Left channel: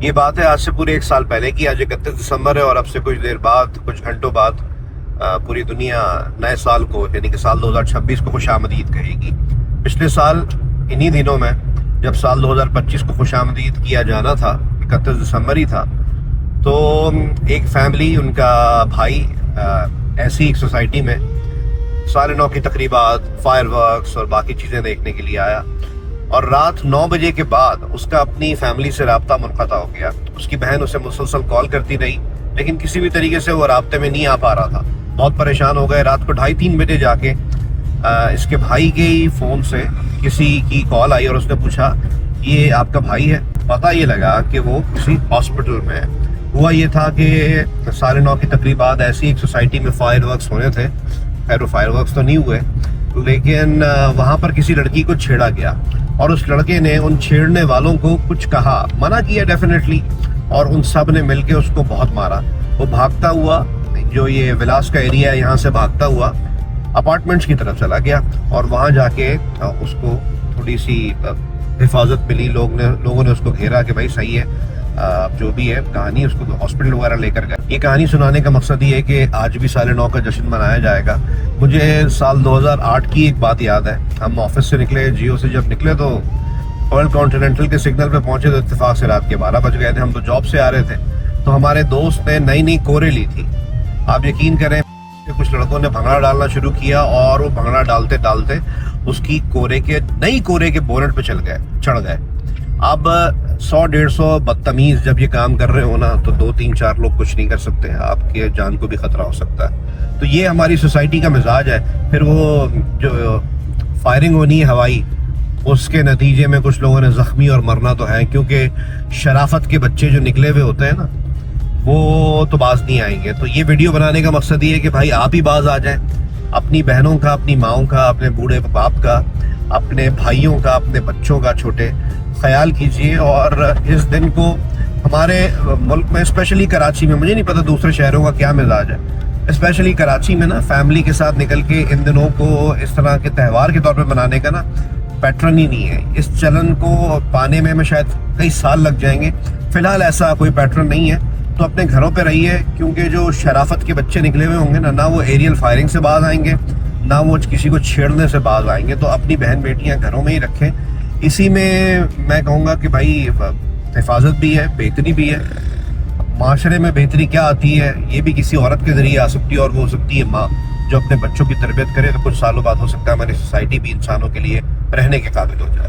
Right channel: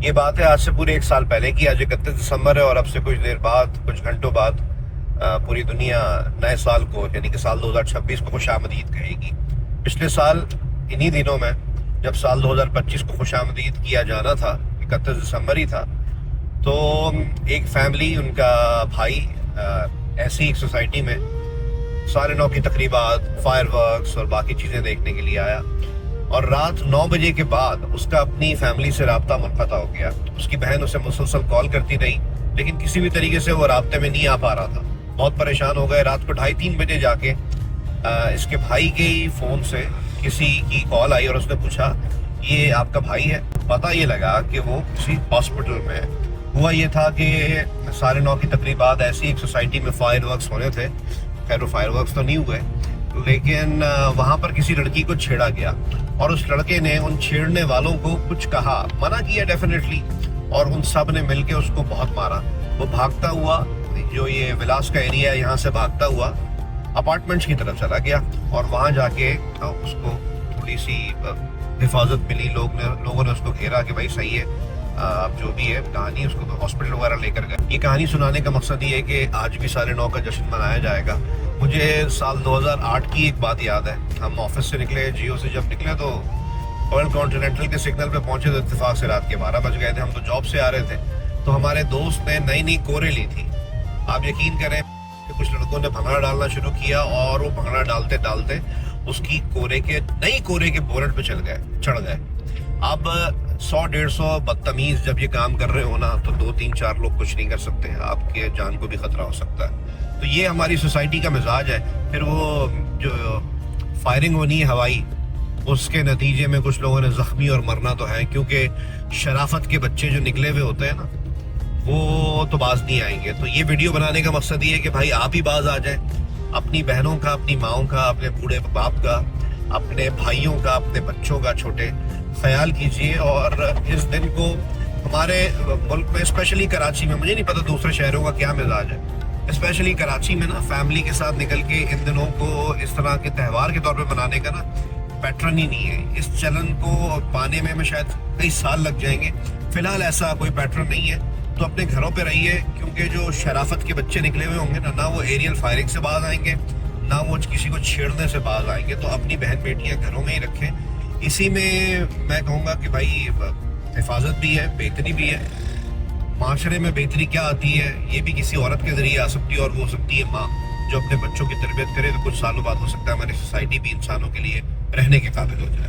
یہ بات ہے آج سے پورے 1 سال پہلے کی. آج 31 دسمبر ہے اور اب سے کچھ دیر بعد، کچھ گھنٹوں بعد پوری دنیا نئے سال کو یعنی کہ سال 2026 کو خوش آمدید کہے گی. پچھلے سال انہی دنوں میں جب سال 2025 کو خوش آمدید کیا جانا تھا، 31 دسمبر ہی تھا، تو ایک فیملی، ان کا بھائی ایسی ایک سوسائٹی میں 9:30 کی تقریبات، فائر ورکس اور باقی چیزیں دیکھنے کے لیے آیا، اور رات 9 بجے کے بعد اس کا اپنی فیملی سے رابطہ منقطع ہو گیا. اس کی بہن اسے مسلسل کال کرتی رہی لیکن کسی بھی طریقے سے وہ رابطے میں نہیں آ پا رہا تھا. بہت پریشان ہو گئے. رات کو 2:30-3 بجے جا کے اس کے بھائی کے ہی فون سے کسی کی کال آئی اور اس نے پوچھا یہ آپ کا بھائی ہے؟ پتہ یہ لگا کہ وہ کسی ہاسپٹل میں ہے. ہوا یہ تھا کہ 9:30 کی تقریبات ایسی ایک سوسائٹی میں فائر ورکس ہونے تھے. خیر وہ فائر ورکس تو نہیں ہوئے لیکن وہاں پر کسی لڑکی کو چھیڑا گیا اور اس لڑکے نے ان چھیڑنے والوں کو کچھ کہا، منع کیا ڈیفینیٹلی، اور ان سب نے مل کے اس کو بہت مارا. وہ بھاگتا ہوا، جو یہ ولاس کا ایریا ہے یہاں سے بھاگتا ہوا اپارٹمنٹس کی طرف چلا گیا اور وہاں جا کے اس کو تھوڑی سی حفاظت ملی. لوگوں نے اس کو گھیرا کہ بھائی صحیح ہے، جو بھی ہے کہانی، اس کو ہاسپٹل وغیرہ لے کر گئے. یہ کہانی سنانے کا مقصد یہ ہے کہ آج بھی سال 9 کا جشن منایا جائے گا. مجھے سال 2008 کی ایک بات یاد ہے. ہم آفس سے نکلے، جیو سے جب نکلے تو رائل کانٹیننٹل کے سگنل پہ پہنچے تو اتفاق سے رات کے 12 بج گئے تھے. ہم تو جاب سے آ رہے تھے تو ہمارے دوست نے نئی کورے لی تھی. آپ یقین کریں کچھ لڑکوں نے بھنگڑا ڈالنا شروع کیا اور وہ بھنگڑا ڈالتے ڈالتے اس کی نئی کورے کے بونٹ پہ چڑھ گئے. اب 100-150 بدتمیز جب یہ کام کر رہے ہو نا تو 2-3-4 لوگ کچھ نہیں کر سکتے، آپ کے جان کو بھی خطرہ ہو سکتا ہے. تو یہ ہماری سوسائٹی کا مزاج ہے. پھر وہ جو فائرنگ ہونی ہے ہوائی، اس کے نتیجے میں کچھ لوگوں نے زخمی اور مرنا تو ہے، کیونکہ شرافت کے بچے جو نکلے ہوئے ہوتے ہیں نا وہ تو باز نہیں آئیں گے. تو یہ ویڈیو بنانے کا مقصد یہ ہے کہ بھائی آپ ہی باز آ جائیں. اپنی بہنوں کا، اپنی ماؤں کا، اپنے بوڑھے باپ کا، اپنے بھائیوں کا، اپنے بچوں کا چھوٹے خیال کیجئے. اور اس دن کو ہمارے ملک میں اسپیشلی کراچی میں، مجھے نہیں پتا دوسرے شہروں کا کیا مزاج ہے، اسپیشلی کراچی میں نا فیملی کے ساتھ نکل کے ان دنوں کو اس طرح کے تہوار کے طور پہ منانے کا نا پیٹرن ہی نہیں ہے. اس چلن کو پانے میں شاید کئی سال لگ جائیں گے. فی الحال ایسا کوئی پیٹرن نہیں ہے. تو اپنے گھروں پہ رہیے، کیونکہ جو شرافت کے بچے نکلے ہوئے ہوں گے نہ وہ ایریل فائرنگ سے باز آئیں گے، نہ وہ کسی کو چھیڑنے سے باز آئیں گے. تو اپنی بہن بیٹیاں گھروں میں ہی رکھیں. اسی میں میں کہوں گا کہ بھائی حفاظت بھی ہے، بہتری بھی ہے. معاشرے میں بہتری کیا آتی ہے؟ یہ بھی کسی عورت کے ذریعے آ سکتی ہے، اور وہ ہو سکتی ہے ماں جو اپنے بچوں کی تربیت کرے. تو کچھ سالوں بعد ہو سکتا ہے ہماری سوسائٹی بھی انسانوں کے لیے رہنے کے قابل ہو جائے.